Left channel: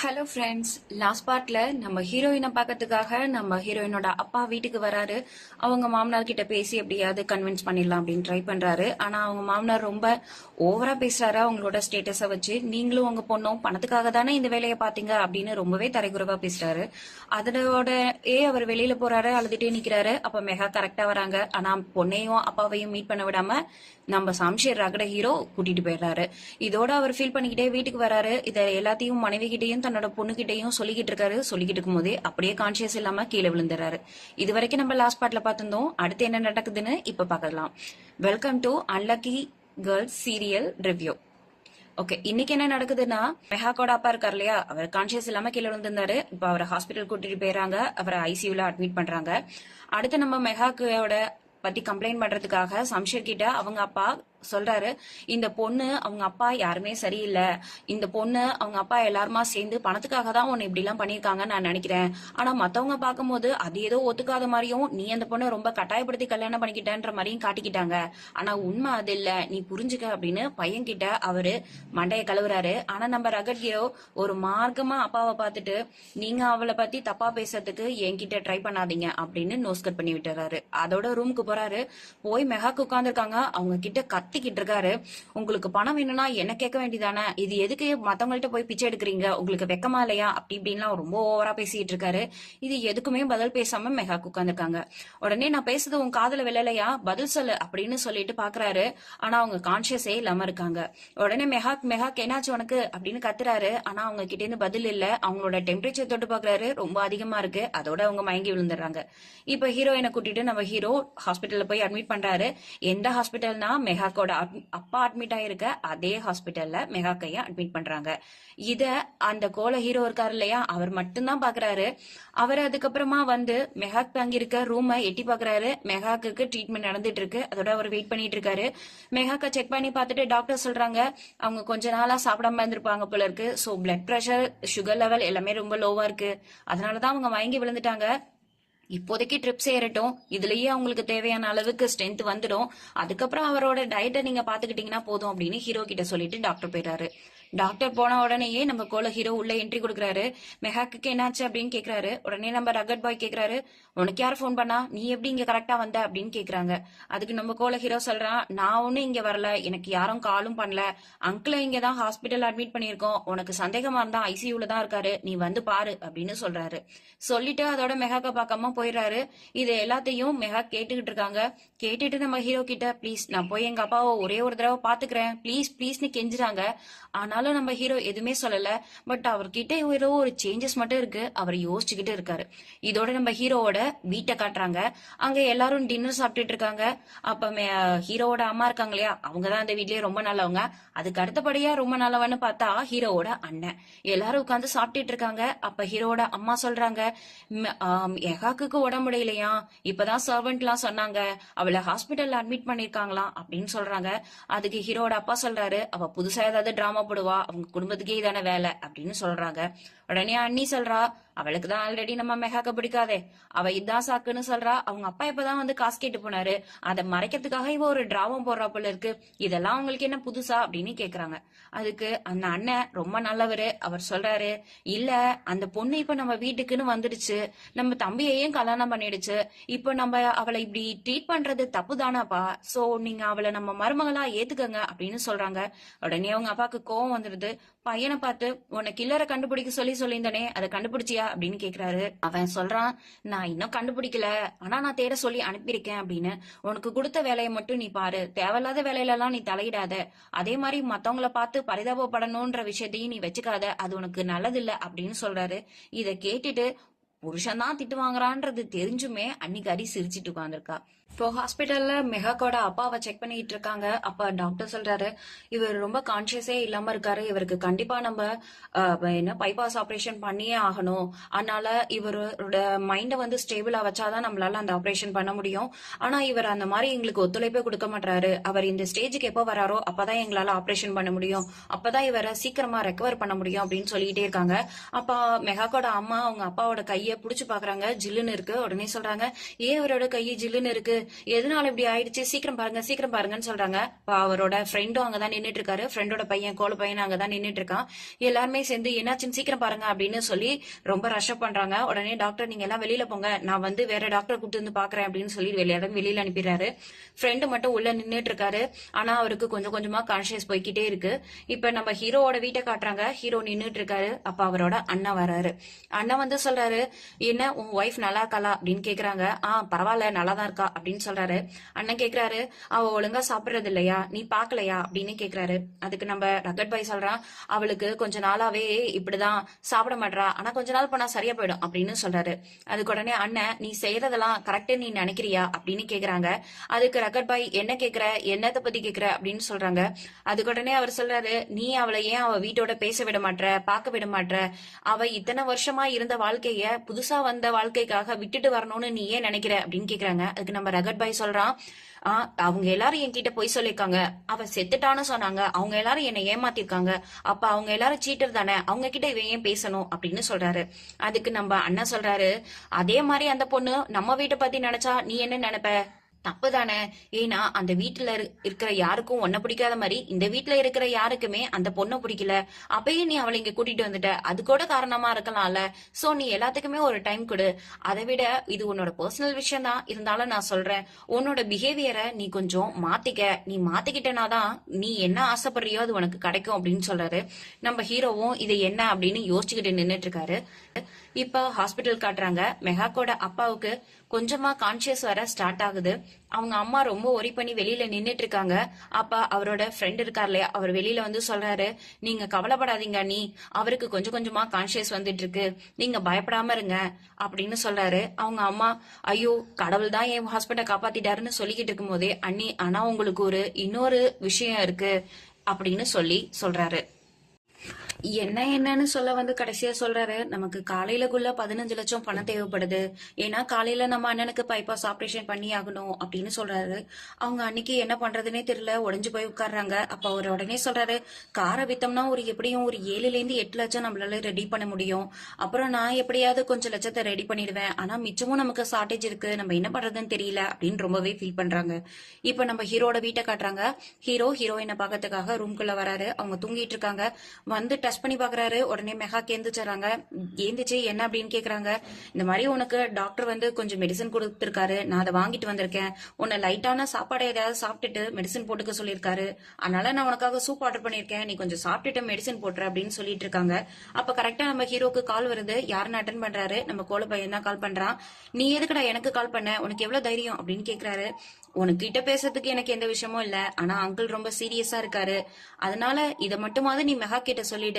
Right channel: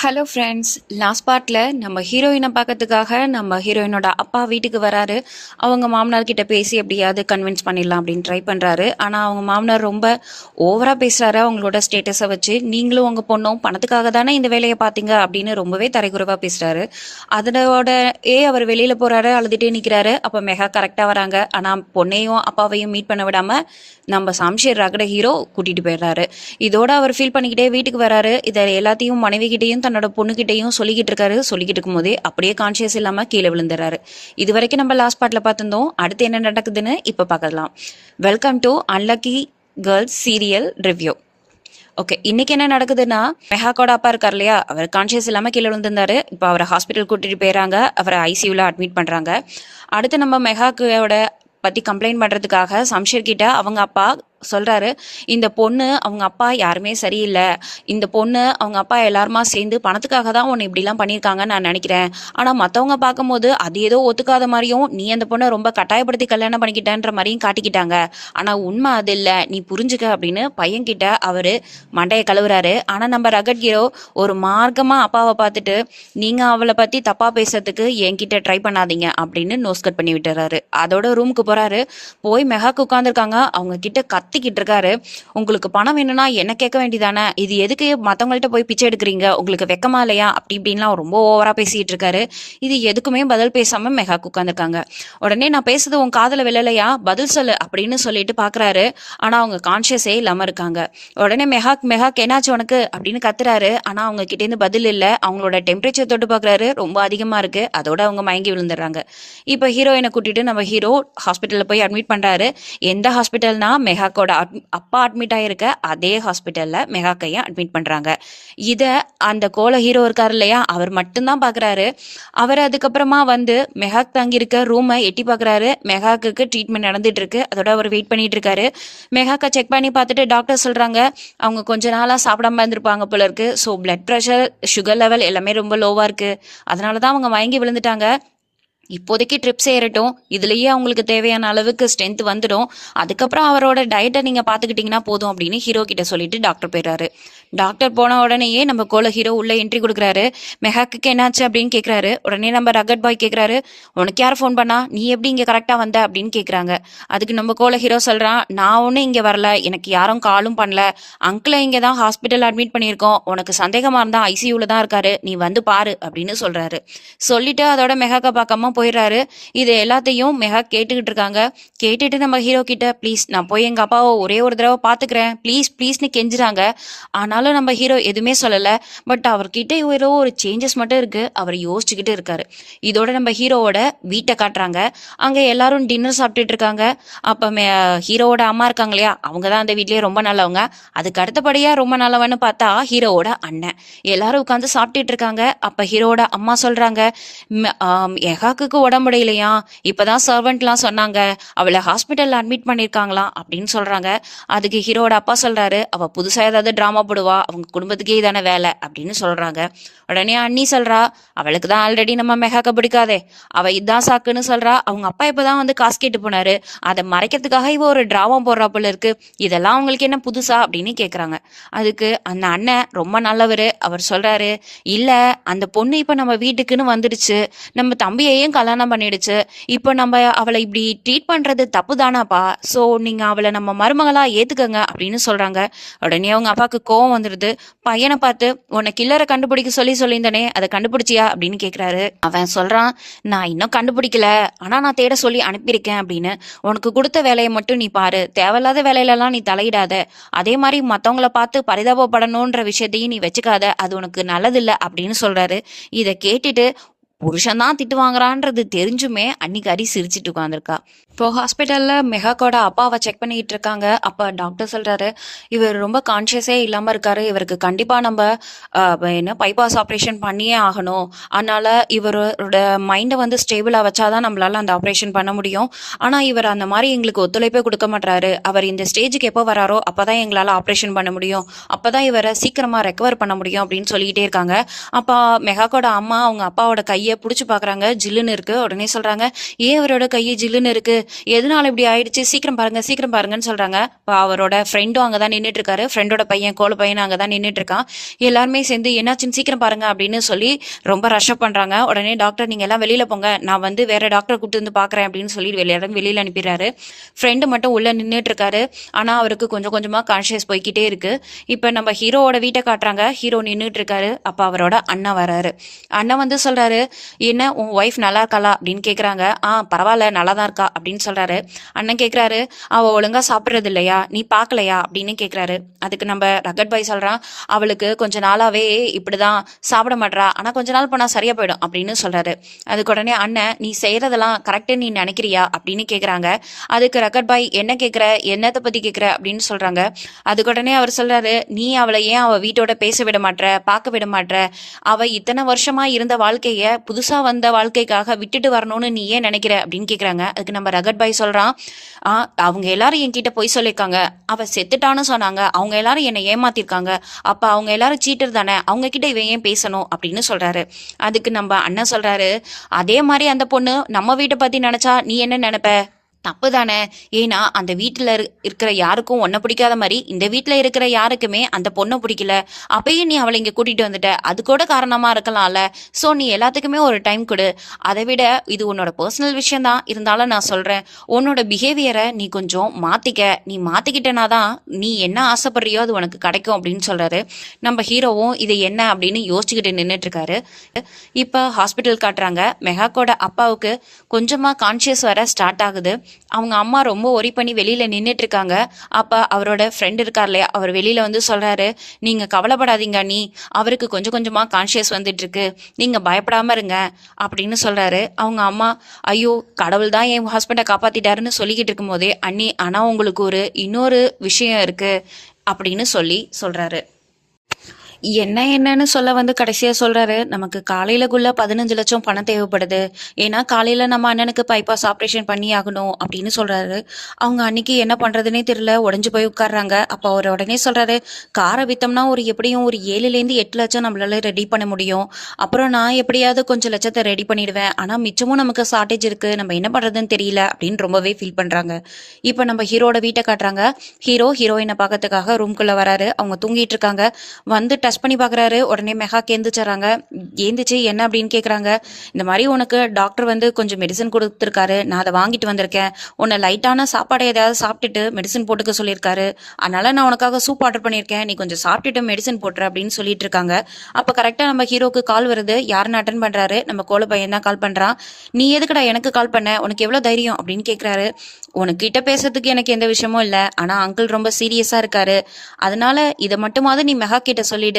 Hello friends last பார்ட்டில் நம்ம ஹீரோயினை பார்க்கறதுக்காக நம்ம ஹீரோயினோட அப்பா வீட்டுக்கு வராரு. அவங்க மாமனார் கிட்ட பேசி எப்படியாவது கன்வின்ஸ் பண்ணிடலாம் அப்படின்னு ட்ரை பண்ணுறாரு ஆனால் அவங்க மாமனார் ரொம்ப ஓவராக பேசுகிறாரு அவங்களோட ஸ்டேட்டஸை வச்சு. நீங்களும் உங்கள் பொண்ணும் பணத்துக்காக தானே இந்த வேலையை பார்த்தீங்க அப்படின்னு ரொம்பவே தரைக்குறைவாக பேசுகிறாரு அதனோட ஏ அவர் வெளியில் போகிறாரு அழுதுகிட்டே நிற்கிறாரு அப்போ மெகா கரெக்டாக வராங்க. ஆனால் பொண்ணையும் அப்பாவையும் மீட் பண்ண விடாமல் நம்ம சாம்ஷேர் ரகட ஹீரோ கூட்டிகிட்டு போயிடுறாரு. இதோட அவர் ஃபீல் பண்ணிக்கிட்டே வீட்டுக்கு வராரு. இதை எல்லாத்தையும் மனைவிகிட்டையும் தன்னோட பொண்ணுகிட்டையும் சொல்லிக்கிட்டு இருக்காரு. சொல்லிக்கிட்டு இருக்கும்போதே அப்படியே கான்ஷியஸ் இல்லாமல் கீழே விழுந்துறாரு இது வரைக்கும் நம்ம லாஸ்ட் பாட்டில் பார்த்துருந்தோம். அடுத்து என்ன நடக்குதுன்னு இப்போ பார்க்கலாம். Welcome to unlucky girls serial review okay இன்னைக்கு என்ன நடக்குதுன்னா மெஹாக்கோட அப்பா இருக்கார் இல்லையா? அவர் கான்ஷியஸ் இல்லாமல் கீழே விழுந்திருந்தாரு. இப்போ அவரை ஹாஸ்பிட்டல் கூட்டிட்டு போயிறாங்க. அவரை ஐசியூவில் அட்மிட் பண்ணுறாங்க அடுத்து நம்ம மெஹாக்கோட பற்றி கம்ப்ளைண்ட் பண்ணுறதுக்காக சம்ஷர் கிட்ட அவங்க அப்பா சொல்கிறாரு இந்த பொண்ணு அவங்க அப்பா யாருமே சரியில்லை இந்த பொண்ணு அவங்க அப்பா எல்லாருமா சேர்ந்து பணத்துக்காக தான் உன்னை இப்படிலாம் பண்ணியிருக்காங்கன்னு நான் நினைக்கிறேன். ஆனால் மற்றவங்க பார்க்கும்போது அது ஏதோ ஒத்துக்காத மாதிரியும் நீ அந்த பொண்ணை ரொம்ப கட்டாயப்படுத்தி கல்யாணம் பண்ணிக்கிட்டேன்ற மாதிரியும் காட்டிக்கிட்டாங்க. ஆனால் உண்மை அது இல்லை நீ புரிஞ்சுக்க அப்படின்னு பையன்கிட்ட அவர் மண்டையை கழுவுறாரு. ஆனால் நம்ம ரகட் ஹீரோ ஒரு மார்க்கமாக அப்பாவை பார்த்துட்டு நீங்கள் அவளை பற்றி தப்பாக பேசுறதுக்கு என்கிட்ட ட்ரை பண்ணாதீங்க அப்படின்னு நோஸ் கட் பண்ணி விட்டுறாரு. அதோட ரூமுக்கு போகிறாரு போய் மெகாக்கு உட்காந்துருக்காங்க அவங்க கிட்ட கத்திக்கிட்டு இருக்காரு உங்களுக்கு பணம் வேணும்னா என்ன கேட்க வேண்டியதானே? இது எதுக்கு மற்றவங்கள்ட்ட போய் பிச்சை எடுக்கிறீங்க? உங்களுக்கு வெக்கமா இல்லையா? அப்படி இப்படின்லாம் ரொம்ப ஓவராக பேசிக்கிட்டு இருக்காரு இது எதுக்குமே பதில் பேசாமல் மெகாக்கு உட்காந்துருக்காங்க உடனே நான் பேசுறது உன் காதல விழலையா? பதில் சொல்லு அப்படின்னு சொல்லிட்டு பார்க்குறாரு ஆனால் அவங்க கான்ஷியஸே இல்லாமல் இருக்காங்க. உடனே மெஹாக் மெஹாக் என்னாச்சு உனக்கு? அப்படின்னு கத்துறாரு. ஆனால் அவங்க கிட்டேருந்து பதில் இல்லை. அவங்களோட டெம்பரேச்சர் தொட்டு பார்க்குறாரு ரொம்ப அதிகமாக இருக்கு. அதோட அவங்க மயங்கி விழுந்துடுறாங்க. இப்போ ஹீரோயினை கூட்டிட்டு நம்ம ஹீரோ ஹாஸ்பிட்டலில் போய் அட்மிட் பண்ணுறாரு எந்த ஹாஸ்பிட்டல்னா மெஹாக்கோட மெகாக்கோட அப்பா அட்மிட் ஆகிருக்க அதே ஹாஸ்பிட்டலில் மெஹாக்கையும் அட்மிட் பண்ணுறாங்க இதை அந்த கோல ஹீரோ இருக்கார் இல்லையா? அவர் மட்டும்தான் பார்க்குறாரு அவர் அதுக்கப்புறமா வந்து மெகாக் தங்கியிருக்க ரூமை எட்டி பார்க்குறாரு மெகாக்கு ட்ரீட்மெண்ட் நடந்துட்டு இருக்கு அதோட அவர் வெயிட் பண்ணிட்டு இருக்காரு மெகாக்கை செக் பண்ணி பார்த்துட்டு டாக்டர் சொல்கிறாங்க அவங்க கொஞ்ச நாளாக சாப்பிடாம இருந்திருப்பாங்க போல இருக்கு so blood pressure sugar level எல்லாமே ரொம்ப லோவாக இருக்குது அதனால தான் அவங்க மயங்கி விழுந்துட்டாங்க. இப்போதைக்கு ட்ரிப் சேரட்டும். இதுலயே அவங்களுக்கு தேவையான அளவுக்கு ஸ்ட்ரென்த் வந்துடும். அதுக்கப்புறம் அவரோட டயட்டை நீங்க பாத்துக்கிட்டீங்கன்னா போதும் அப்படின்னு ஹீரோ கிட்ட சொல்லிட்டு டாக்டர் போயிடுறாரு. டாக்டர் போன உடனேயே நம்ம கோல ஹீரோ உள்ள என்ட்ரி கொடுக்குறாரு. மெஹாக்கு என்னாச்சு அப்படின்னு கேட்குறாரு உடனே நம்ம ரகட் பாய் கேட்குறாரு உனக்கு யார் ஃபோன் பண்ணா? நீ எப்படி இங்கே கரெக்டாக வந்த? அப்படின்னு கேட்குறாங்க அதுக்கு நம்ம கோல ஹீரோ சொல்கிறான் நான் ஒன்றும் இங்கே வரல. எனக்கு யாரும் காலும் பண்ணல. அங்கிளை இங்கே தான் ஹாஸ்பிட்டல் அட்மிட் பண்ணியிருக்கோம். உனக்கு சந்தேகமாக இருந்தால் ஐசியூவில் தான் இருக்காரு. நீ வந்து பாரு அப்படின்னு சொல்கிறாரு சொல்லிட்டு அதோட மெஹாக்கை பார்க்காம போயிடுறாரு. இது எல்லாத்தையும் மெஹா கேட்டுக்கிட்டு இருக்காங்க. கேட்டுட்டு நம்ம ஹீரோ கிட்ட ப்ளீஸ் நான் போய் எங்கள் அப்பாவை ஒரே ஒரு தடவை பார்த்துக்கிறேன். ப்ளீஸ் ப்ளீஸ்னு கெஞ்சுறாங்க. ஆனாலும் நம்ம ஹீரோ எதுவுமே சொல்லலை. பட் அவர்கிட்ட ஏதோ ஒரு சேஞ்சஸ் மட்டும் இருக்கு. அவர் யோசிச்சுக்கிட்டு இருக்காரு. இதோட நம்ம ஹீரோவோட வீட்டை காட்டுறாங்க. அங்கே எல்லாரும் டின்னர் சாப்பிட்டுட்டு இருக்காங்க. அப்போ மே- ஹீரோவோட அம்மா இருக்காங்க இல்லையா? அவங்க தான் அந்த வீட்லேயே ரொம்ப நல்லவங்க. அதுக்கு அடுத்தபடியாக ரொம்ப நல்லவன்னு பார்த்தா ஹீரோவோட அண்ணன். எல்லாரும் உட்காந்து சாப்பிட்டுட்டு இருக்காங்க. அப்போ ஹீரோவோட அம்மா சொல்கிறாங்க எகாக்குக்கு உடம்பு முடியலையா? இப்பதான் சர்வெண்ட்லாம் சொன்னாங்க. அவளை ஹாஸ்பிட்டலில் அட்மிட் பண்ணியிருக்காங்களாம் அப்படின்னு சொல்கிறாங்க அதுக்கு ஹீரோவோட அப்பா சொல்கிறாரு அவள் புதுசாக ஏதாவது ட்ராமா போடுவா? அவங்க குடும்பத்துக்கே இதான வேலை அப்படின்னு சொல்றாங்க. உடனே அண்ணி சொல்றா அவளுக்கு தான் ஆல்ரெடி நம்ம மெகாக்க பிடிக்காதே. அவ இதான் சாக்குன்னு சொல்றா அவங்க அப்பா இப்பதான் வந்து காசு கேட்டு போனாரு. அதை மறைக்கிறதுக்காக இவ ஒரு டிராமா போடுறா போல இருக்கு. இதெல்லாம் அவங்களுக்கு என்ன புதுசா? அப்படின்னு கேக்குறாங்க. அதுக்கு அந்த அண்ணன் ரொம்ப நல்லவர் அவர் சொல்றாரு இல்ல அந்த பொண்ணு இப்ப நம்ம வீட்டுக்குன்னு வந்துடுச்சு. நம்ம தம்பியையும் கல்யாணம் பண்ணிடுச்சு. இப்போ நம்ம அவளை இப்படி ட்ரீட் பண்றது தப்பு தானாப்பா ஸோ நீங்க அவளை நம்ம மருமகளா ஏத்துக்கங்க அப்படின்னு சொல்றாங்க. உடனே அவங்க அப்பாவுக்கு கோவம் வந்துடுது பையனை பார்த்து உன்னை கில்லரை கண்டுபிடிக்க சொல்லி சொல்லியிருந்தனே அதை கண்டுபிடிச்சியா? அப்படின்னு கேட்குறாரு அவன் சொல்கிறான் நான் இன்னும் கண்டுபிடிக்கல. ஆனால் நான் தேட சொல்லி அனுப்பியிருக்கேன் அப்படின்னு. உனக்கு கொடுத்த வேலையை மட்டும் நீ பாரு. தேவையில்லாத வேலையிலலாம் நீ தலையிடாத. அதே மாதிரி மற்றவங்கள பார்த்து பரிதாபப்படணுன்ற விஷயத்தையும் நீ வச்சுக்காத. அது உனக்கு நல்லதில்லை அப்படின்னு சொல்கிறாரு இதை கேட்டுட்டு புருஷன் தான் திட்டு வாங்குறான்றது தெரிஞ்சுமே அன்னைக்கு அரி சிரிச்சிட்டு உட்காந்துருக்கா இப்போ ஹாஸ்பிட்டலில் மெகாக்கோட அப்பாவை செக் பண்ணிக்கிட்டு இருக்காங்க. அப்போ டாக்டர் சொல்கிறாரு இவர் ரொம்ப கான்ஷியஸே இல்லாமல் இருக்காரு. இவருக்கு கண்டிப்பாக நம்ம என்ன பைபாஸ் ஆப்ரேஷன் பண்ணியே ஆகணும். அதனால் இவரோட மைண்டை வந்து ஸ்டேபிளாக வச்சாதான் நம்மளால் அந்த ஆப்ரேஷன் பண்ண முடியும். ஆனால் இவர் அந்த மாதிரி எங்களுக்கு ஒத்துழைப்பே கொடுக்க மாட்டாரு அவர் இந்த ஸ்டேஜுக்கு எப்போ வராரோ அப்போ தான் எங்களால் ஆப்ரேஷன் பண்ண முடியும். அப்போ தான் இவரை சீக்கிரமாக ரெக்கவர் பண்ண முடியும் அப்படின்னு சொல்லிக்கிட்டே இருக்காங்க. அப்போ மெகாக்கோட அம்மா அவங்க அப்பாவோட கையை பிடிச்சி பார்க்குறாங்க. ஜில்லுன்னு இருக்குது உடனே சொல்கிறாங்க ஏன் இவரோட கையை ஜில்லுன்னு இருக்குது எதனால இப்படி ஆயிடுச்சு? சீக்கிரம் பாருங்க சீக்கிரம் பாருங்கன்னு சொல்றாங்க. அவரோட ஃப்ரெண்டும் அங்கே தான் நின்றுட்டு இருக்காரு ஃப்ரெண்டோட பையன் கோல பையன் அங்கே தான் நின்றுட்டு இருக்கான் எல்லாருமே சேர்ந்து என்னாச்சுன்னு சீக்கிரம் பாருங்க அப்படின்னு சொல்லி ரொம்ப ரஷ்அப் பண்றாங்க. உடனே டாக்டர் நீங்க எல்லாம் வெளியில போங்க. நான் வந்து வேற டாக்டர் கூப்பிட்டு வந்து பாக்குறேன் அப்படின்னு சொல்லி வெளியில வெளியில அனுப்பிடுறாரு. ஃப்ரெண்டு மட்டும் உள்ள நின்றுட்டு இருக்காரு ஆனா அவருக்கு கொஞ்சம் கொஞ்சமா கான்ஷியஸ் போய்க்கிட்டே இருக்கு. இப்போ நம்ம ஹீரோவோட வீட்டை காட்டுறாங்க. ஹீரோ நின்றுட்டு இருக்காரு அப்ப அவரோட அண்ணன் வராரு. அண்ணன் வந்து சொல்றாரு என்ன உன் ஒய்ஃப் நல்லா இருக்காளா? அப்படின்னு கேக்குறாங்க. ஆ பரவாயில்ல நல்லா தான் இருக்கா? அப்படின்னு சொல்றாரு. அண்ணன் கேக்குறாரு அவ ஒழுங்கா சாப்பிடுறது இல்லையா? நீ பார்க்கலையா அப்படின்னு கேக்குறாரு. அதுக்கு நம்ம ரகட் பாய் சொல்றான் அவளுக்கு கொஞ்ச நாளாவே இப்படிதான் சாப்பிட மாட்றா. ஆனா கொஞ்ச நாள் போனா சரியா போயிடும் அப்படின்னு சொல்றாரு. அதுக்கு உடனே அண்ணன் நீ செய்யறதெல்லாம் கரெக்டாக நீ நினைக்கிறியா? அப்படின்னு கேக்குறாங்க. அதுக்கு ரகட் பாய் என்ன கேக்குற? என்னத்தை பத்தி கேக்குற? அப்படின்னு சொல்றாங்க. அதுக்கு உடனே அவர் சொல்றாரு நீ அவளை ஏன் அவ வீட்டோட பேச விட மாட்ற பார்க்க விட மாட்ற? அவ இத்தனை வருஷமா இருந்த வாழ்க்கைய புதுசா வந்த வாழ்க்கைக்காக விட்டுட்டு வரணும்னு நீ ஏன் நினைக்கிற? அப்படின்னு கேக்குறாங்க. அதுக்கு நம்ம ரகட் பாய் சொல்கிறான் ஆ அவங்க எல்லாரும் என்கிட்ட பொய் சொல்லியிருக்காங்க. அவள் செத்துட்டான்னு சொன்னாங்க. அவங்க எல்லாரும் என்னை ஏமாத்திருக்காங்க. அப்போ அவங்க எல்லாரும் சீட்டர் தானே? அவங்க கிட்ட இவன் ஏன் பேசணும்? அப்படின்னு சொல்கிறாரு அதுக்கு நம்ம அண்ணன் சொல்கிறாரு அதே மாதிரி அந்த பொண்ணு நம்ம வீட்டை பற்றி நினச்சா நீ என்ன நினைப்ப? தப்பு தானே ஏன்னா அந்த வீட்டில் இருக்கிற யாருக்கும் ஒன்றை பிடிக்காத மாதிரி இந்த வீட்டில் இருக்கிற யாருக்குமே அந்த பொண்ணை பிடிக்கல. அப்பயும் நீ அவளை இங்கே கூட்டிகிட்டு வந்துட்ட. அது கூட காரணமாக இருக்கலாம்ல. ஸோ நீ எல்லாத்துக்குமே ஒரு டைம் கொடு. அதை விட இது உன்னோட பர்சனல் விஷயம் தான் இருந்தாலும் நான் சொல்கிறேன் உன்னோட பிஹேவியரை நீ கொஞ்சம் மாற்றிக்க நீ மாற்றிக்கிட்டனா தான் நீ என்ன ஆசைப்படுறியோ அது உனக்கு கிடைக்கும் அப்படின்னு சொல்கிறாரு நம்ம ஹீரோவும் இது என்ன அப்படின்னு யோசிச்சுக்கிட்டு நின்றுட்டு இருக்காரு இப்போ ஹாஸ்பிட்டல் காட்டுறாங்க. மெகாக்கோட அப்பாவுக்கு கொஞ்சமாக கான்ஷியஸ் வர ஸ்டார்ட் ஆகுது. அவங்க அம்மா ரொம்ப ஒரி பண்ணி வெளியில நின்றுட்டு இருக்காங்க அப்போ அவரோட ஃப்ரெண்ட் இருக்கார் இல்லையா? அவர் வெளியில வந்து சொல்றாரு நீங்க கவலைப்படாதீங்க நீ அவருக்கு கொஞ்சம் கொஞ்சமா கான்ஷியஸ் வந்துட்டு இருக்கு நீங்க பயப்படாம இருங்க அப்படின்னு சொல்றாரு. அவங்க அம்மா ஐயோ கடவுள் தான் என் ஹஸ்பண்டை காப்பாத்திட்டாருன்னு சொல்லிக்கிட்டு இருக்கும்போதே அண்ணி ஆனா உங்களுக்கு ஒரு இன்னொரு விஷயம் இருக்கு அப்படின்னு சொல்லி சொல்றாரு. என்ன என்னன்னு சொல்ல வந்து கடைசியா சொல்றாரு. நமக்கு காலையிலக்குள்ள பதினஞ்சு லட்சம் பணம் தேவைப்படுது. ஏன்னா காலையில நம்ம அண்ணனுக்கு பைபாஸ் ஆப்ரேஷன் பண்ணி ஆகணும் அப்படின்னு சொல்றாரு. அவங்க அன்னைக்கு என்ன பண்றதுன்னே தெரியல. உடஞ்சு போய் உட்கார்றாங்க. அப்போ அவர் உடனே சொல்றாரு காரை வித்தோம்னா ஒரு எப்படியும் ஒரு ஏழுலேருந்து எட்டு லட்சம் நம்மளால ரெடி பண்ண முடியும். அப்புறம் நான் எப்படியாவது கொஞ்சம் லட்சத்தை ரெடி பண்ணிடுவேன். ஆனா மிச்சமும் நமக்கு ஷார்டேஜ் இருக்கு. நம்ம என்ன பண்றதுன்னு தெரியல. அப்படின்னு ரொம்பவே ஃபீல் பண்றாங்க. இப்போ நம்ம ஹீரோட வீட்டை காட்டுறாங்க. ஹீரோ ஹீரோயினை பார்க்கறதுக்காக ரூம்குள்ள வராரு. அவங்க தூங்கிட்டு இருக்காங்க. வந்துட்டு டச் பண்ணி பார்க்குறாரு உடனே மெகா கேந்துச்சுறாங்க. ஏந்திச்சு என்ன அப்படின்னு கேட்குறாங்க இந்த மாதிரி உனக்கு டாக்டர் வந்து கொஞ்சம் மெடிசன் கொடுத்துருக்காரு. நான் அதை வாங்கிட்டு வந்திருக்கேன். உன்னை லைட்டான சாப்பாடு ஏதாவது சாப்பிட்டுட்டு மெடிசன் போட்டுக்க சொல்லியிருக்காரு. அதனால நான் உனக்காக சூப் ஆர்டர் பண்ணியிருக்கேன். நீ கொஞ்சம் சாப்பிட்டுட்டு மெடிசன் போட்டுரு அப்படின்னு சொல்லிட்டு இருக்காங்க. அப்போ கரெக்டாக நம்ம ஹீரோக்கு கால் வருது. யாருன்னு அட்டன் பண்ணுறாரு நம்ம கோல பையன் தான் கால் பண்ணுறான் நீ எதுக்குடா எனக்கு கால் பண்ண? உனக்கு எவ்வளோ தைரியம்? அப்படின்னு கேட்குறாரு உனக்கிட்ட பேசுறதுக்கு எனக்கு எந்த விஷயமும் இல்லை. ஆனால் அங்கிள் ரொம்ப சீரியஸாக இருக்காரு. அதனால இதை மட்டுமாவது நீ மெகா கிட்ட சொல்லிடு.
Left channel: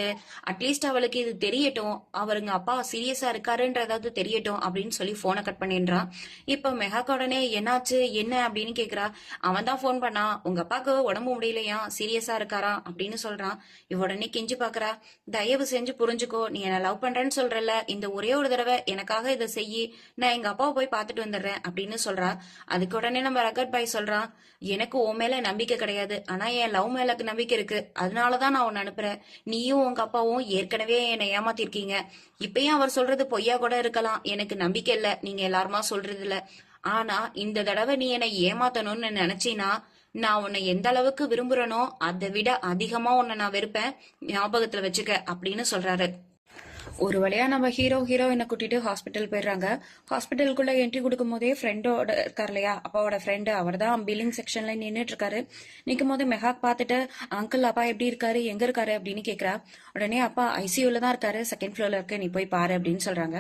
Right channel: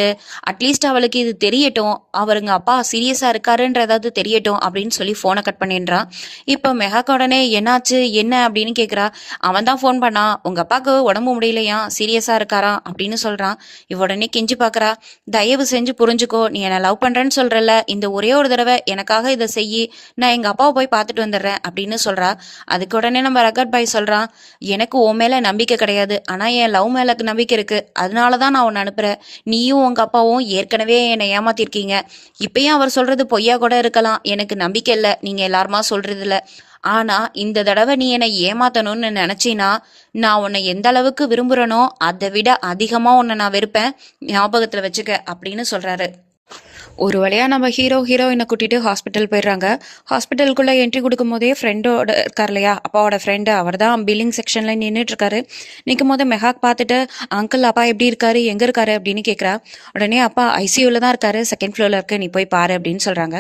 அட்லீஸ்ட் அவளுக்கு இது தெரியட்டும். அவருங்க அப்பா சீரியஸாக இருக்காருன்றதாவது தெரியட்டும் அப்படின்னு சொல்லி ஃபோனை கட் பண்ணிடுறான். இப்போ மெகாக்கு உடனே என்னாச்சு என்ன அப்படின்னு கேட்குறா அவன் தான் ஃபோன் பண்ணான் உங்கள் அப்பாவுக்கு உடம்பு முடியலையா? சீரியஸாக இருக்காரா? அப்படின்னு சொல்கிறான் இவ உடனே கெஞ்சி பார்க்குறா தயவு செஞ்சு புரிஞ்சுக்கோ. நீ என்னை லவ் பண்ணுறேன்னு சொல்கிறல்ல இந்த ஒரே ஒரு தடவை எனக்காக இதை செய்யி நான் எங்கள் அப்பாவை போய் பார்த்துட்டு வந்துடுறேன் அப்படின்னு சொல்கிறா அதுக்கு உடனே நம்ம ரகட் பாய் சொல்கிறான் எனக்கு உன் மேலே நம்பிக்கை கிடையாது. ஆனால் என் லவ் மேலே நம்பிக்கை இருக்குது அதனால தான் நான் உன்னை அனுப்புகிறேன் நீயும் உங்கள் அப்பாவும் ஏற்கனவே என்னை ஏமாத்திருக்கீங்க. இப்பயும் அவர் சொல்கிறது பொய்யா கூட இருக்கலாம். எனக்கு நம்பிக்கை இல்லை. நீங்கள் எல்லாருமா சொல்கிறதில்ல ஆனால் இந்த தடவை நீ என்னை ஏமாத்தணும்னு நினச்சினா நான் உன்னை எந்த அளவுக்கு விரும்புகிறனோ அதை விட அதிகமாக உன்னை நான் வெறுப்பேன். ஞாபகத்தில் வச்சுக்க அப்படின்னு சொல்கிறாரு ஒரு வழியாக நம்ம ஹீரோ ஹீரோயினை கூட்டிட்டு ஹாஸ்பிட்டல் போயிடுறாங்க. ஹாஸ்பிட்டலுக்குள்ளே என்ட்ரி கொடுக்கும் போதே ஃப்ரெண்டோட இருக்கார் இல்லையா? அப்பாவோட ஃப்ரெண்டு அவர் தான் பில்லிங் செக்ஷனில் நின்றுட்டு இருக்காரு நிற்கும் போது மெஹாக் பார்த்துட்டு அங்கிள் அப்பா எப்படி இருக்காரு? எங்கே இருக்காரு? அப்படின்னு கேட்குறா உடனே அப்பா ஐசியூவில் தான் இருக்காரு. செகண்ட் ஃப்ளோரில் இருக்கு. நீ போய் பாரு அப்படின்னு சொல்கிறாங்க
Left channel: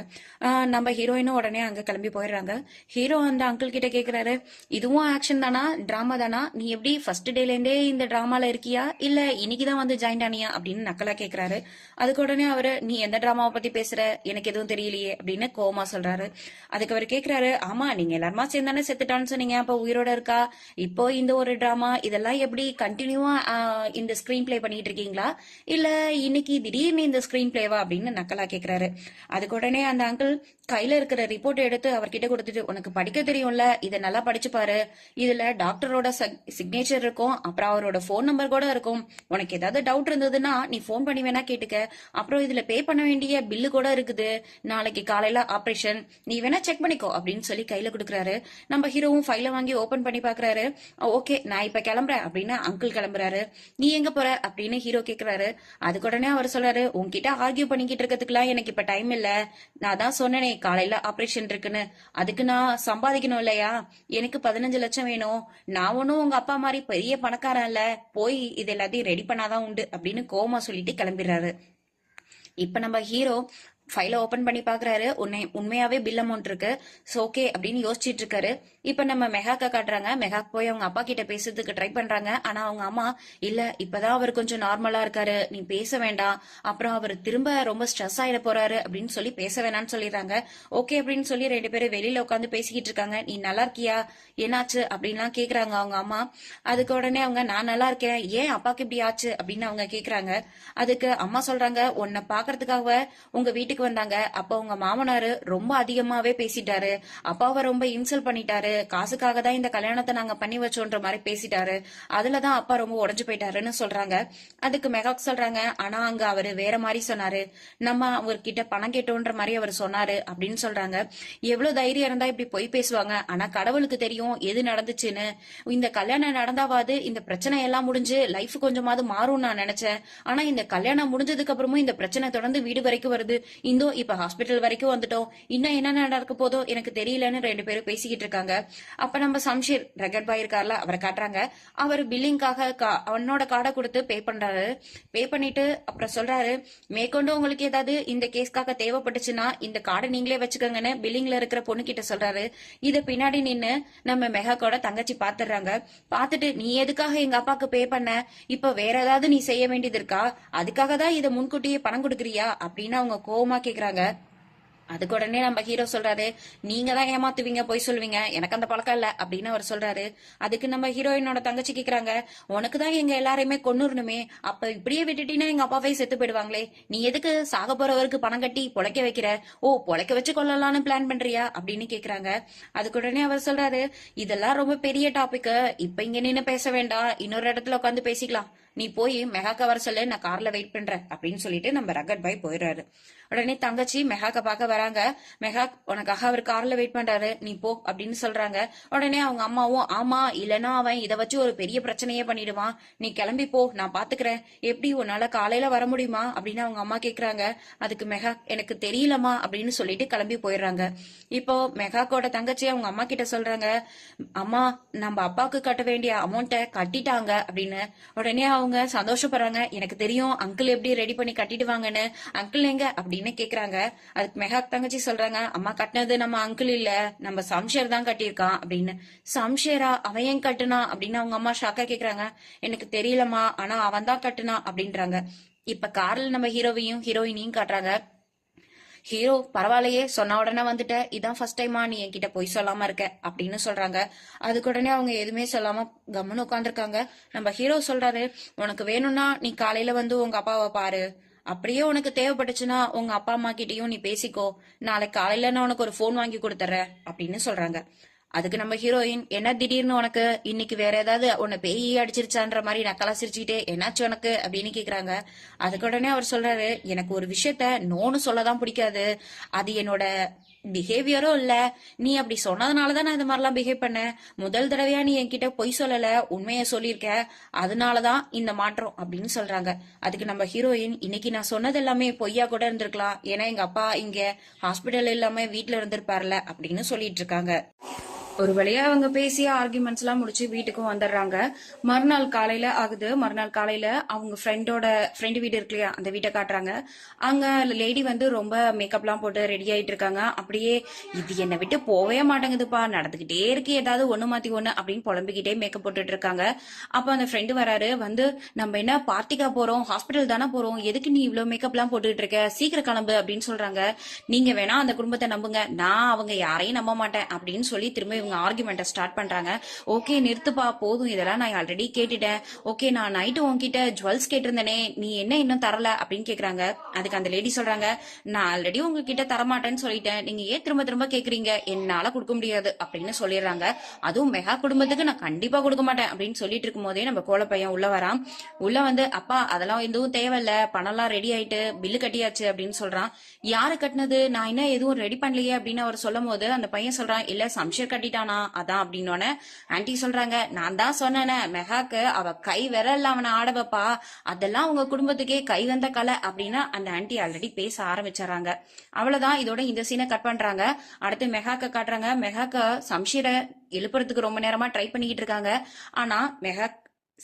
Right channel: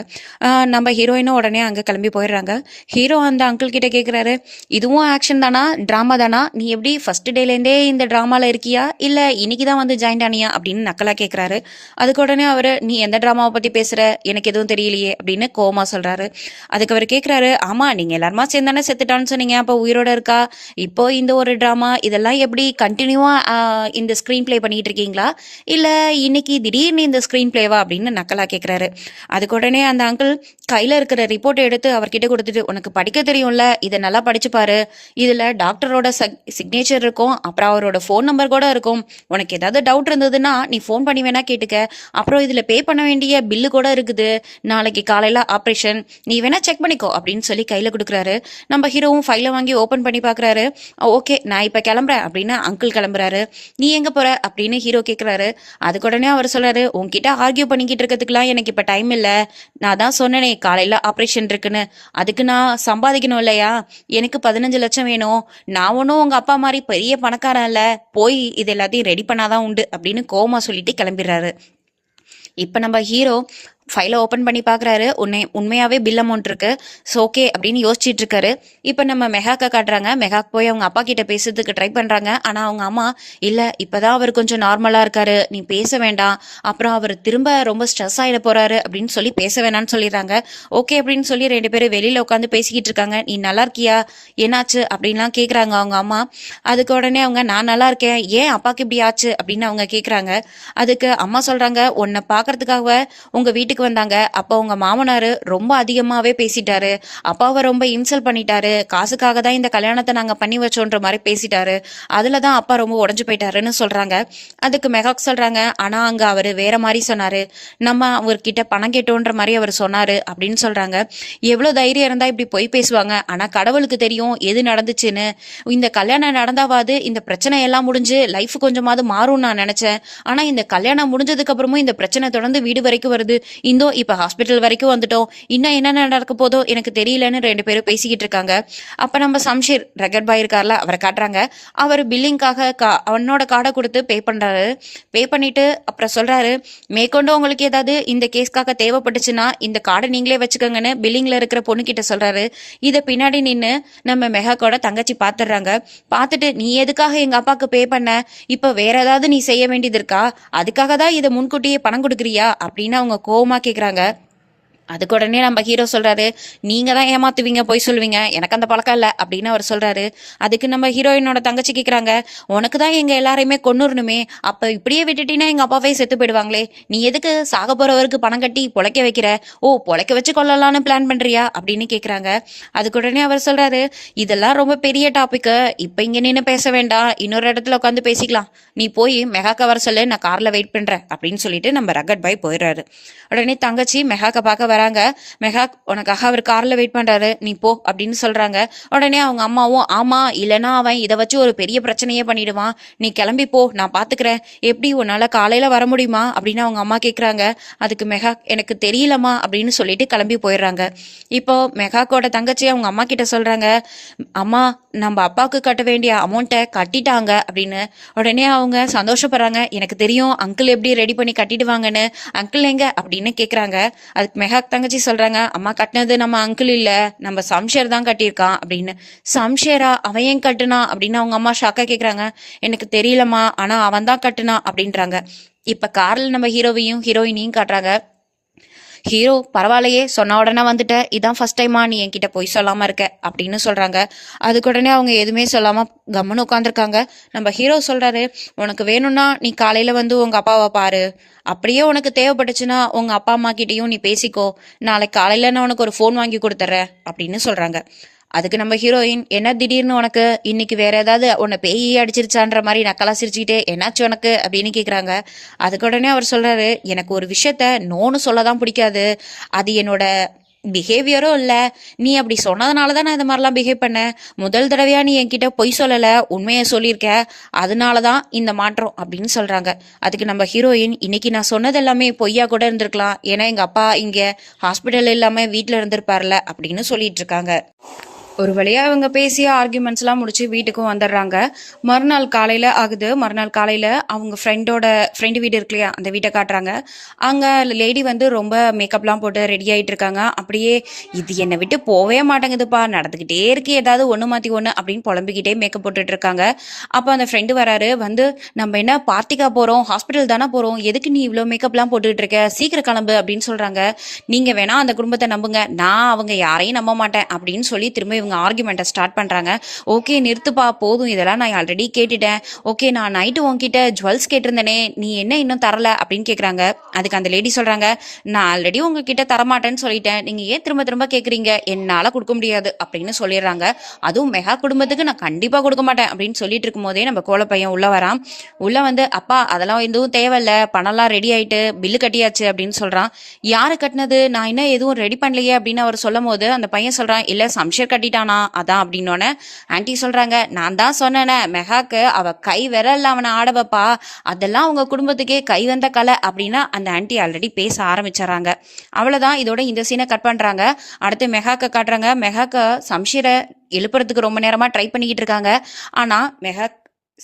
நம்ம ஹீரோயினும் உடனே அங்கே கிளம்பி போயிடுறாங்க. ஹீரோ அந்த அங்கிள் கிட்ட கேட்குறாரு இதுவும் ஆக்ஷன் தானா? ட்ராமா தானா? நீ எப்படி ஃபர்ஸ்ட் டேலேருந்தே இந்த ட்ராமாவில் இருக்கியா? இல்லை இன்னைக்கு தான் வந்து ஜாயின் ஆனியா அப்படின்னு நக்கலாக கேட்குறாரு அதுக்கு உடனே அவர் நீ எந்த ட்ராமா ட்ராமாவை பற்றி பேசுகிற எனக்கு எதுவும் தெரியலையே அப்படின்னு கோமா சொல்கிறாரு அதுக்கு அவர் கேட்குறாரு ஆமாம் நீங்கள் எல்லாருமா சேர்ந்தானே செத்துட்டான்னு சொன்னீங்க. அப்போ உயிரோட இருக்கா? இப்போ இந்த ஒரு ட்ராமா இதெல்லாம் எப்படி கண்டினியூவாக இந்த ஸ்க்ரீன் ப்ளே பண்ணிட்டு இருக்கீங்களா? இல்லை இன்னைக்கு திடீர்னு இந்த ஸ்க்ரீன் ப்ளேவா அப்படின்னு நக்கலாக கேட்குறாரு அதுக்கு உடனே அந்த அங்கிள் கையில் இருக்கிற ரிப்போர்ட்டை எடுத்து அவர்கிட்ட கொடுத்துட்டு உனக்கு படிக்க தெரியும்ல இதை நல்லா படிச்சுப்பாரு இதில் டாக்டரோட சிக்னேச்சர் இருக்கும். அப்புறம் அவரோட ஃபோன் நம்பர் கூட இருக்கும். உனக்கு ஏதாவது டவுட் இருந்ததுன்னா நீ ஃபோன் பண்ணி வேணா கேட்டுக்க. அப்புறம் இதில் பே பண்ண வேண்டிய பில்லு கூட இருக்குது. நாளைக்கு காலையில் ஆப்ரேஷன் நீ வேணா செக் பண்ணிக்கோ அப்படின்னு சொல்லி கையில் கொடுக்குறாரு. நம்ம ஹீரோவும் ஃபைலை வாங்கி ஓப்பன் பண்ணி பார்க்குறாரு ஓகே நான் இப்போ கிளம்புறேன் அப்படின்னு அங்கிள் கிளம்புறாரு. நீ எங்கே போகிற அப்படின்னு ஹீரோ கேட்குறாரு அதுக்கு உடனே அவர் சொல்கிறாரு உங்ககிட்ட ஆர்கியூ பண்ணிக்கிட்டு இருக்கிறதுக்குலாம் எனக்கு இப்போ டைம் இல்லை. நான் தான் சொன்னேனே காலையில் ஆப்ரேஷன் இருக்குன்னு. அதுக்கு நான் சம்பாதிக்கணும் இல்லையா? எனக்கு பதினஞ்சு லட்சம் வேணும். நான் ஒன்றும் உங்கள் அப்பா மாதிரி பெரிய பணக்காரன் இல்லை. போய் இது எல்லாத்தையும் ரெடி பண்ணாதான் உண்டு அப்படின்னு கோமா சொல்லிட்டு கிளம்பிடுறாரு. இப்போ நம்ம ஹீரோ ஃபைலை ஓப்பன் பண்ணி பார்க்குறாரு உண்மை உண்மையாகவே பில் அமௌண்ட் இருக்கு. ஸோ ஓகே அப்படின்னு யோசிச்சுட்டு இருக்காரு. இப்போ நம்ம மெகாக்கை காட்டுறாங்க. மெகாக் போய் அவங்க அப்பா கிட்ட பேசுறதுக்கு ட்ரை பண்ணுறாங்க ஆனால் அவங்க அம்மா இல்லை இப்போதான் அவர் கொஞ்சம் நார்மலாக இருக்காரு. நீ பேச வேண்டாம். அப்புறம் அவர் திரும்ப ரொம்ப ஸ்ட்ரெஸ் ஆகிட போறாரு அப்படின்னு சொல்லி பேச வேணாம்னு சொல்லிடுறாங்க. ஓகே அப்படின்னு சொல்லி ரெண்டு பேரும் வெளியில் உட்காந்து பேசிக்கிட்டு இருக்காங்க. நீ நல்லா இருக்கியா? என்னாச்சு? அப்படின்லாம் கேட்குறாங்க அவங்க அம்மா. அதுக்கு உடனே அவங்க நான் நல்லா இருக்கேன். ஏன் அப்பாவுக்கு இப்படி ஆச்சு? அப்படின்னு அவங்க கேட்குறாங்க அதுக்கு அம்மா சொல்கிறாங்க உன்னை பார்க்கறதுக்காக உங்கள் வீட்டுக்கு வந்தாங்க. அப்போ அவங்க மாமனார் ரொம்ப அதிகமாகவே பேசிட்டாரு. அப்பாவை ரொம்ப இன்சல்ட் பண்ணிட்டாரு. காசுக்காக தான் இந்த கல்யாணத்தை நாங்கள் பண்ணி வச்சோன்ற மாதிரி பேசிட்டாரு. அதில் தான் அப்பா ரொம்ப உடஞ்சு போயிட்டாருன்னு சொல்கிறாங்க அதுக்கு மெகாக் சொல்கிறாங்க ஆனால் அங்கே அவர் வேற மாதிரி சொன்னார். நம்ம அவர்கிட்ட பணம் கேட்டோன்ற மாதிரி அவர் சொன்னார் அப்படின்னு சொல்கிறாங்க எவ்வளோ தைரியம் இருந்தால் இப்படி போய் பேசுவாங்க. ஆனால் கடவுளுக்கு தெரியும் எது நடந்துச்சுன்னு. இந்த கல்யாணம் நடந்தாவாது இந்த பிரச்சனை எல்லாம் முடிஞ்சு லைஃப் கொஞ்சமாவது மாறும்னு நான் நினச்சேன். ஆனால் இந்த கல்யாணம் முடிஞ்சதுக்கு அப்புறமும் இந்த பிரச்சனை தொடர்ந்து வீடு வரைக்கும் வருது. இந்தோ இப்போ ஹாஸ்பிட்டல் வரைக்கும் வந்துட்டோம். இன்னும் என்னென்ன நடக்க போதோ எனக்கு தெரியலன்னு ரெண்டு பேரும் பேசிக்கிட்டு இருக்காங்க. அப்போ நம்ம சம்ஷீர் ரெகட் பாய் இருக்கார்ல அவரை காட்டுறாங்க. அவர் பில்லிங்காக கா அவனோட கார்டை கொடுத்து பே பண்ணுறாரு பே பண்ணிட்டு அப்புறம் சொல்கிறாரு மேற்கொண்டு உங்களுக்கு ஏதாவது இந்த கேஸ்க்காக தேவைப்பட்டுச்சுன்னா இந்த கார்டை நீங்களே வச்சுக்கோங்கன்னு பில்லிங்கில் இருக்கிற பொண்ணுக்கிட்ட சொல்கிறாரு இதை பின்னாடி நின்று நம்ம மெகாக்கோட தங்கச்சி பார்த்துடுறாங்க பார்த்துட்டு நீ எதுக்காக எங்கள் அப்பாவுக்கு பே பண்ண? இப்போ வேற ஏதாவது நீ செய்ய வேண்டியது இருக்கா? அதுக்காக தான் இதை முன்கூட்டியே பணம் கொடுக்குறியா? அப்படின்னு அவங்க கோவம் கேட்குறாங்க அதுக்கு உடனே நம்ம ஹீரோ சொல்கிறாரு நீங்கள் தான் ஏமாத்துவீங்க போய் சொல்லுவீங்க. எனக்கு அந்த பழக்கம் இல்லை அப்படின்னு அவர் சொல்கிறாரு அதுக்கு நம்ம ஹீரோயினோட தங்கச்சி கேட்குறாங்க உனக்கு தான் எங்கள் எல்லாரையுமே கொண்டுடணுமே அப்போ இப்படியே விட்டுட்டீங்கன்னா எங்கள் அப்பாவே செத்து போயிடுவாங்களே. நீ எதுக்கு சாக போகிறவருக்கு பணம் கட்டி பொழைக்க வைக்கிற? ஓ பொழைக்க வச்சு கொள்ளலான்னு பிளான் பண்ணுறியா அப்படின்னு கேட்குறாங்க அதுக்கு உடனே அவர் சொல்கிறாரு இதெல்லாம் ரொம்ப பெரிய டாப்பிக்கு இப்போ இங்கே நின்று பேச வேண்டாம். இன்னொரு இடத்துல உட்காந்து பேசிக்கலாம். நீ போய் மெகாக்க வர சொல்லு. நான் காரில் வெயிட் பண்ணுறேன் அப்படின்னு சொல்லிட்டு நம்ம ரகட் பாய் போயிடுறாரு. உடனே தங்கச்சி மெகாக்க பார்க்க வராங்க. மெகாக் உனக்காக அவர் கார்ல வெயிட் பண்றாரு. நீ போ அப்படின்னு சொல்றாங்க. உடனே அவங்க அம்மாவும் ஆமா இல்லைன்னா அவன் இதை வச்சு ஒரு பெரிய பிரச்சனையே பண்ணிடுவான். நீ கிளம்பி போ நான் பாத்துக்கிறேன். எப்படி உன்னால காலையில வர முடியுமா? அப்படின்னு அவங்க அம்மா கேக்குறாங்க. அதுக்கு மெகா எனக்கு தெரியலம்மா அப்படின்னு சொல்லிட்டு கிளம்பி போயிடுறாங்க. இப்போ மெகாக்கோட தங்கச்சி அவங்க அம்மா கிட்ட சொல்றாங்க அம்மா நம்ம அப்பாவுக்கு கட்ட வேண்டிய அமௌண்ட்டை கட்டிட்டாங்க அப்படின்னு. உடனே அவங்க சந்தோஷப்படுறாங்க. எனக்கு தெரியும் அங்கிள் எப்படி ரெடி பண்ணி கட்டிடுவாங்கன்னு. அங்கிள் எங்க? அப்படின்னு கேக்குறாங்க. அதுக்கு மெகாக் தங்கச்சி சொல்றாங்க அம்மா கட்டினது நம்ம அங்கிள் இல்ல நம்ம சம்ஷேர் தான் கட்டியிருக்கான் அப்படின்னு. சம்ஷேரா? அவன் ஏன் கட்டுனா? அப்படின்னு அவங்க அம்மா ஷாக்கா கேக்குறாங்க. எனக்கு தெரியலம்மா ஆனா அவன் தான் கட்டுனா அப்படின்றாங்க. இப்ப கார்ல நம்ம ஹீரோவையும் ஹீரோயினையும் காட்டுறாங்க. ஹீரோ பரவாயில்லையே சொன்ன உடனே வந்துட்ட. இதான் ஃபர்ஸ்ட் டைமா நீ என்கிட்ட பொய் சொல்லாமல் இருக்க அப்படின்னு சொல்கிறாங்க அதுக்கு உடனே அவங்க எதுவுமே சொல்லாமல் கம்முன்னு உட்காந்துருக்காங்க நம்ம ஹீரோ சொல்கிறாரு உனக்கு வேணும்னா நீ காலையில் வந்து உங்கள் அப்பாவை பாரு. அப்படியே உனக்கு தேவைப்பட்டுச்சுன்னா உங்கள் அப்பா அம்மா கிட்டேயும் நீ பேசிக்கோ. நாளைக்கு காலையில் நான் உனக்கு ஒரு ஃபோன் வாங்கி கொடுத்துட்றேன் அப்படின்னு சொல்கிறாங்க அதுக்கு நம்ம ஹீரோயின் என்ன திடீர்னு உனக்கு? இன்னைக்கு வேற ஏதாவது உன்னை பேய் அடிச்சிருச்சான்ற மாதிரி நக்கலா சிரிச்சுக்கிட்டே என்னாச்சு உனக்கு? அப்படின்னு கேக்குறாங்க. அதுக்கு உடனே அவர் சொல்றாரு எனக்கு ஒரு விஷயத்த நோன்னு சொல்ல தான் பிடிக்காது. அது என்னோட பிஹேவியரும் இல்லை. நீ அப்படி சொன்னதுனால தான் நான் இந்த மாதிரிலாம் பிஹேவ் பண்ணேன். முதல் தடவையா நீ என்கிட்ட பொய் சொல்லலை உண்மையை சொல்லியிருக்க. அதனால தான் இந்த மாற்றம் அப்படின்னு சொல்கிறாங்க அதுக்கு நம்ம ஹீரோயின் இன்னைக்கு நான் சொன்னது எல்லாமே பொய்யா கூட இருந்திருக்கலாம். ஏன்னா எங்கள் அப்பா இங்கே ஹாஸ்பிட்டல் இல்லாமல் வீட்டில் இருந்திருப்பார்ல அப்படின்னு சொல்லிட்டு இருக்காங்க. ஒரு வழியா இவங்க பேசிய ஆர்குமெண்ட்ஸ்லாம் முடிச்சு வீட்டுக்கும் வந்துடுறாங்க. மறுநாள் காலையில ஆகுது. மறுநாள் காலையில அவங்க ஃப்ரெண்டோட ஃப்ரெண்டு வீடு இருக்கு இல்லையா அந்த வீட்டை காட்டுறாங்க. அங்க லேடி வந்து ரொம்ப மேக்கப்லாம் போட்டு ரெடி ஆயிட்டு இருக்காங்க. அப்படியே இது என்னை விட்டு போவே மாட்டேங்குதுப்பா. நடந்துக்கிட்டே இருக்கு. ஏதாவது ஒன்று மாற்றி ஒன்று அப்படின்னு புலம்பிக்கிட்டே மேக்கப் போட்டுட்டு இருக்காங்க. அப்போ அந்த ஃப்ரெண்டு வராரு. வந்து நம்ம என்ன பார்ட்டிக்கா போகிறோம் ஹாஸ்பிட்டல் தானே போகிறோம் எதுக்கு நீ இவ்வளோ மேக்கப்லாம் போட்டுக்கிட்டு இருக்க? சீக்கிரம் கிளம்பு அப்படின்னு சொல்கிறாங்க நீங்கள் வேணா அந்த குடும்பத்தை நம்புங்க. நான் அவங்க யாரையும் நம்ப மாட்டேன் அப்படின்னு சொல்லி திரும்ப இவங்க அவங்க ஆர்குமெண்ட்டை ஸ்டார்ட் பண்ணுறாங்க ஓகே நிறுத்துப்பா போதும். இதெல்லாம் நான் ஆல்ரெடி கேட்டுட்டேன். ஓகே நான் நைட்டு உன்கிட்ட ஜுவல்ஸ் கேட்டிருந்தேனே. நீ என்ன இன்னும் தரல அப்படின்னு கேட்குறாங்க அதுக்கு அந்த லேடி சொல்கிறாங்க நான் ஆல்ரெடி உங்ககிட்ட தரமாட்டேன்னு சொல்லிட்டேன். நீங்கள் ஏன் திரும்ப திரும்ப கேட்குறீங்க என்னால் கொடுக்க முடியாது. அப்படின்னு சொல்லிடுறாங்க. அதுவும் மெகா குடும்பத்துக்கு நான் கண்டிப்பாக கொடுக்க மாட்டேன் அப்படின்னு சொல்லிட்டு இருக்கும்போதே நம்ம கோல பையன் உள்ளே வரான். உள்ளே வந்து அப்பா அதெல்லாம் எதுவும் தேவையில்ல. பணம்லாம் ரெடி ஆகிட்டு பில்லு கட்டியாச்சு. அப்படின்னு சொல்கிறான் யார் கட்டினது? நான் இன்னும் எதுவும் ரெடி பண்ணலையே. அப்படின்னு அவர் சொல்லும் போது அந்த பையன் சொல்கிறான் இல்லை சம்ஷர் கட்டிட்டான் அதான் அப்படின்னோடனே ஆன்ட்டி சொல்கிறாங்க நான் தான் சொன்னேனே மெகாக்கு அவள் கை விரல்ல அவனை ஆடவப்பா அதெல்லாம் அவங்க குடும்பத்துக்கே கை வந்த கலை அப்படின்னா அந்த ஆன்ட்டி ஆல்ரெடி பேச ஆரம்பிச்சிடறாங்க. அவ்வளோதான் இதோட இந்த சீனை கட் பண்ணுறாங்க அடுத்து மெகாக்க காட்டுறாங்க. மெகாக்க சம்ஷீரை எழுப்புறதுக்கு ரொம்ப நேரமாக ட்ரை பண்ணிக்கிட்டு இருக்காங்க. ஆனால் மெகா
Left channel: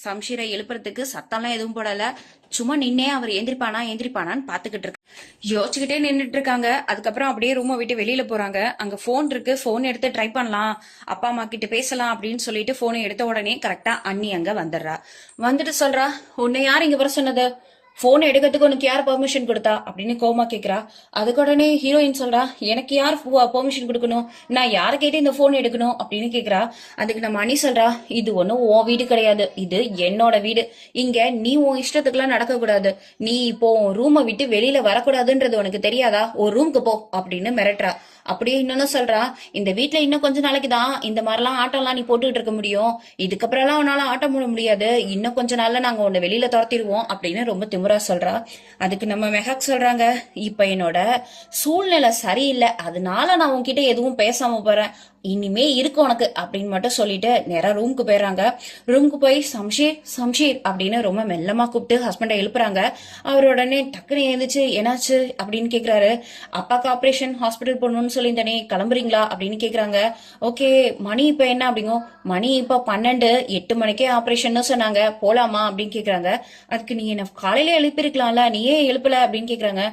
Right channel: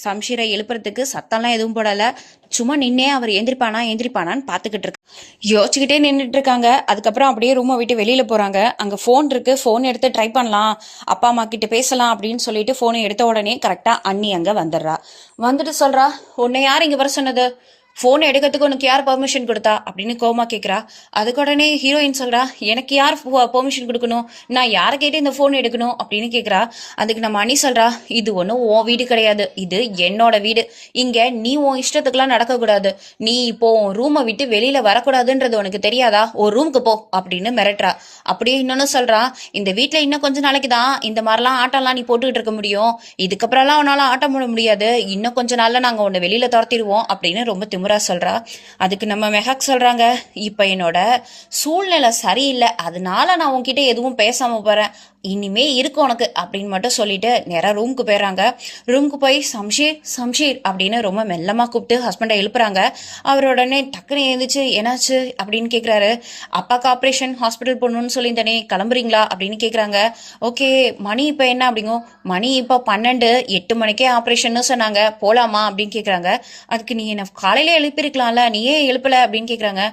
சம்ஷீரை எழுப்புறதுக்கு சத்தம்லாம் எதுவும் போடலை. சும்மா நின்னே அவர் எந்திரிப்பானா எந்திரிப்பானான்னு பார்த்துக்கிட்டு இருக்கு யோசிச்சுக்கிட்டே நின்றுட்டு இருக்காங்க. அதுக்கப்புறம் அப்படியே ரூமை விட்டு வெளியில போறாங்க. அங்க ஃபோன் இருக்கு. ஃபோன் எடுத்து ட்ரை பண்ணலாம். அப்பா அம்மா கிட்ட பேசலாம் அப்படின்னு சொல்லிட்டு ஃபோனை எடுத்த உடனே கரெக்டா அண்ணி அங்க வந்துடுறா. வந்துட்டு சொல்றா உன்னை யார் இங்க வர சொன்னது? ஃபோன் எடுக்கிறதுக்கு உனக்கு யார் பர்மிஷன் கொடுத்தா? அப்படின்னு கோமா கேட்குறா அதுக்கு உடனே ஹீரோயின் சொல்றா எனக்கு யார் பெர்மிஷன் கொடுக்கணும்? நான் யாரை கேட்டு இந்த ஃபோன் எடுக்கணும்? அப்படின்னு கேட்குறா அதுக்கு நம்ம அணி சொல்றா இது ஒன்றும் உன் வீடு கிடையாது. இது என்னோட வீடு. இங்க நீ உன் இஷ்டத்துக்குலாம் நடக்கக்கூடாது. நீ இப்போ உன் ரூமை விட்டு வெளியில வரக்கூடாதுன்றது உனக்கு தெரியாதா? ஒரு ரூமுக்கு போ. அப்படின்னு மிரட்டுறா. அப்படியே இன்னொன்னு சொல்கிறா இந்த வீட்டில் இன்னும் கொஞ்ச நாளைக்கு தான் இந்த மாதிரிலாம் ஆட்டம்லாம் நீ போட்டுக்கிட்டு இருக்க முடியும். இதுக்கப்புறம்லாம் உன்னால ஆட்டம் போட முடியாது. இன்னும் கொஞ்ச நாள்ல நாங்கள் உன்னை வெளியில துரத்திடுவோம். அப்படின்னு ரொம்ப திமிரா சொல்றா. அதுக்கு நம்ம மெஹக் சொல்றாங்க இப்ப என்னோட சூழ்நிலை சரியில்லை. அதனால நான் உன்கிட்ட எதுவும் பேசாம போறேன். இனிமே இருக்கு உனக்கு அப்படின்னு மட்டும் சொல்லிட்டு நேராக ரூமுக்கு போயிடுறாங்க ரூமுக்கு போய் சம்ஷீர் சம்ஷீர் அப்படின்னு ரொம்ப மெல்லமாக கூப்பிட்டு ஹஸ்பண்டை எழுப்புறாங்க. அவர் உடனே டக்குன்னு எழுந்துச்சு என்னாச்சு அப்படின்னு கேட்குறாரு அப்பாக்கு ஆப்ரேஷன் ஹாஸ்பிட்டல் போகணும்னு தானே கிளம்புறீங்களா அப்படின்னு கேட்குறாங்க ஓகே மணி இப்போ என்ன அப்படிங்கோ மணி இப்போ பன்னெண்டு எட்டு மணிக்கே ஆப்ரேஷன்னு சொன்னாங்க. போகலாமா அப்படின்னு கேட்குறாங்க அதுக்கு நீ என்ன காலையில எழுப்பியிருக்கலாம்ல நீ ஏன் அப்படின்னு கேட்குறாங்க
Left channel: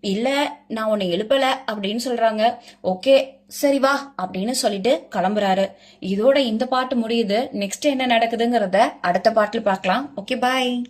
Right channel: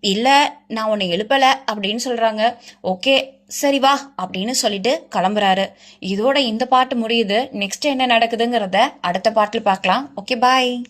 இல்ல நான் உன்னை எழுப்பல அப்படின்னு சொல்றாங்க. ஓகே சரி வா அப்படின்னு சொல்லிட்டு கிளம்புறாரு. இதோட இந்த பாட்டு முடியுது. நெக்ஸ்ட் என்ன நடக்குதுங்கிறத அடுத்த பாட்டில் பார்க்கலாம். Okay bye